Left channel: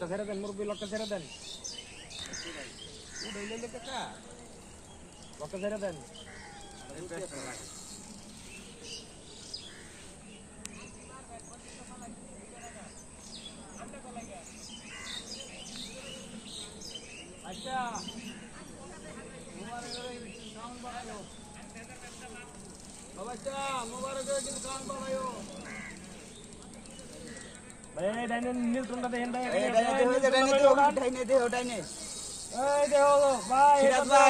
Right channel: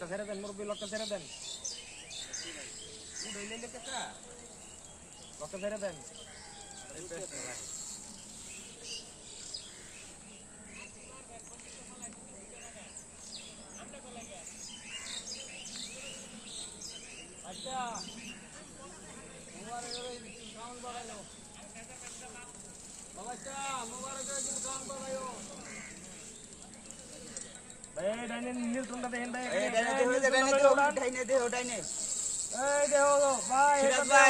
লক্কা ছেড়ে দেন মুরব্বী লক্কা ছেড়ে দেন উড়াইলে কাকা লক্কা ছেড়ে দেন আচ্ছা ভাই ডাইনে নিউটনটা দেখেন ভাই ডাইনে দে ডাইনে এই দেখো ভাই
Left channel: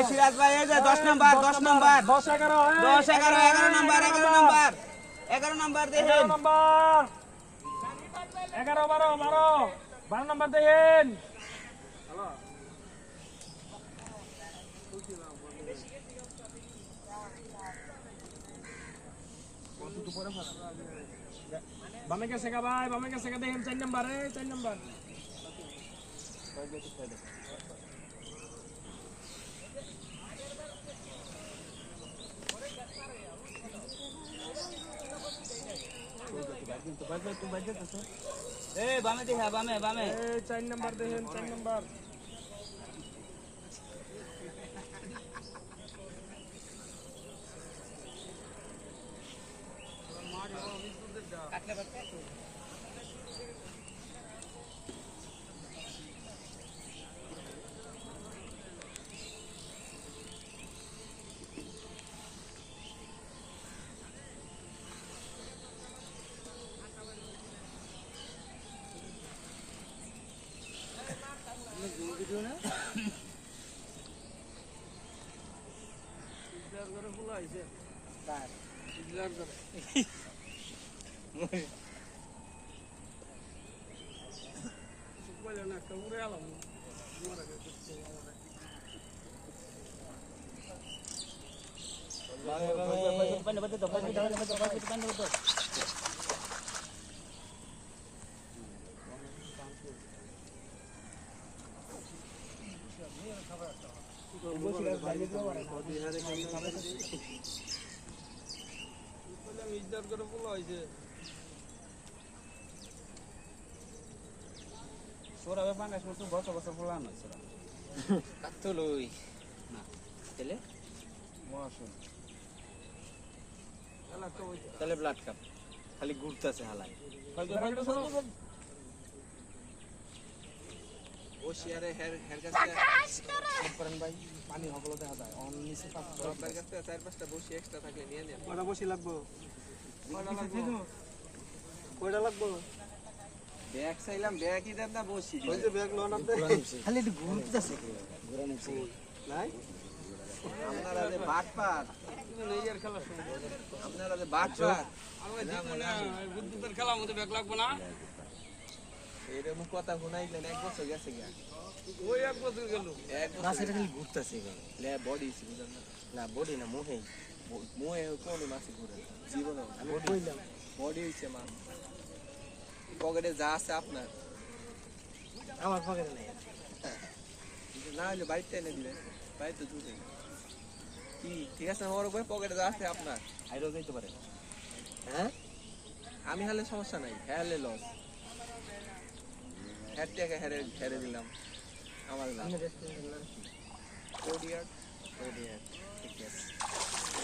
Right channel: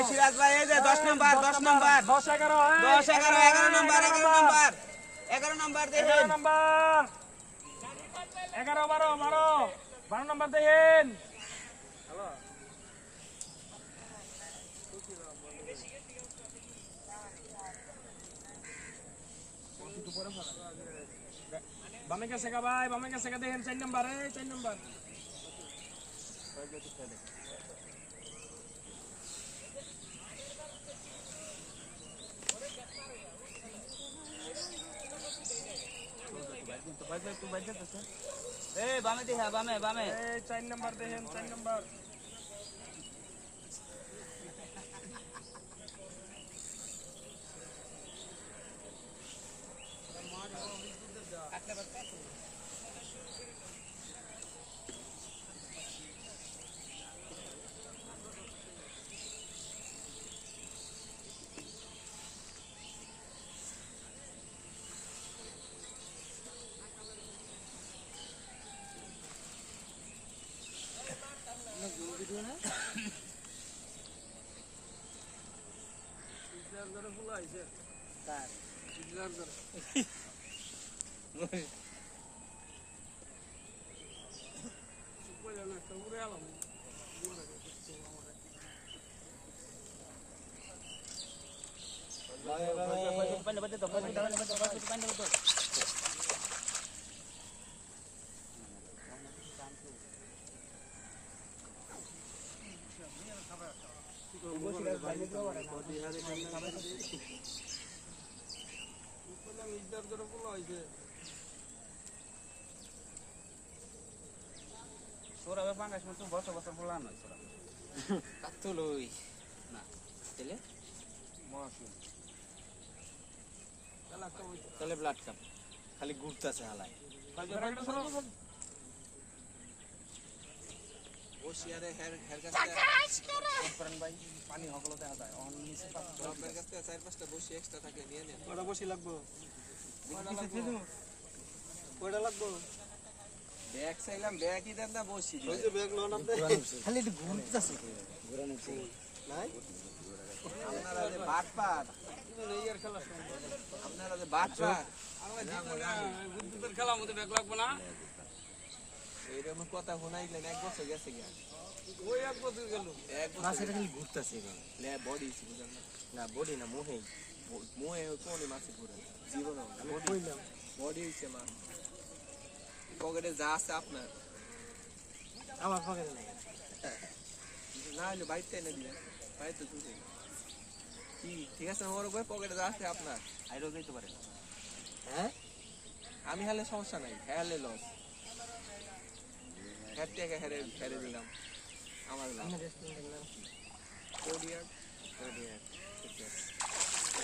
সিরাজ ভাই এই যে 10 নাম্বার 10 নাম্বার 10 11 10 11 11 নাম্বার 11 নাম্বার দেখেন 11 নাম্বার 11 12 12 নাম্বার দেখেন বামে গেছে গা ভাই বামে গেছে গা দেখেন 4 নাম্বার এই 4 নাম্বার এই বামে দেখা বামে বামে এই 4 নাম্বার দেখেন 4 নাম্বার সোরা বাঙ্গাস মতো বছর বছর বললাম না সোরা কাতলই না তেলে মহাসুন তাহলে ব্লাড কাপ খালি ঘুরতেছে হালাই ও শিয়ারে হের কাছে করেন ভাই পানি হগলো দেখা যায় অন নিচে পাঁচটার কাছে চার পাঁচটা বসি এক্সট্রা থাকলে নিয়ে নেন কয়টা বসি লাগবে কয়টা লাগবে ব্যাগ চাইলাম ব্যাগই দেন না বসি ওই যে ব্যাগ লোন আপনি খালি একটু ঘুরতেছে ঘুরানোছে নাই আপনারা যে বাটপার নেইয়ের খেলা আপনারা যে বাটপার আমরা জীবনে বিদ্যুতের খেলা মধ্যে ব্যাগ লাগবে না এরকম কথা শোনাইলেন এক বছর গেছে গিয়া ওই এক বছর গেল এক মাসে খালি ঘুরতেছে লে বডি না বডি না মোহে কোন মাসে ঘুরে জীবনে বডি হইছে মা পকেটে যা আছে আপনার আমার পকেটে নাই না হলে বাইকটা এনে দিবেন তাই তো দুধে কি ঠিক আছে ওর পকেটে যা আছে আপনার আইরো যাইতে পারে হ্যাঁ আমি হলে সমস্যা নাই হেলে লস হেড থেকে হেরে দিলাম আমার লাভ কোডিয়ার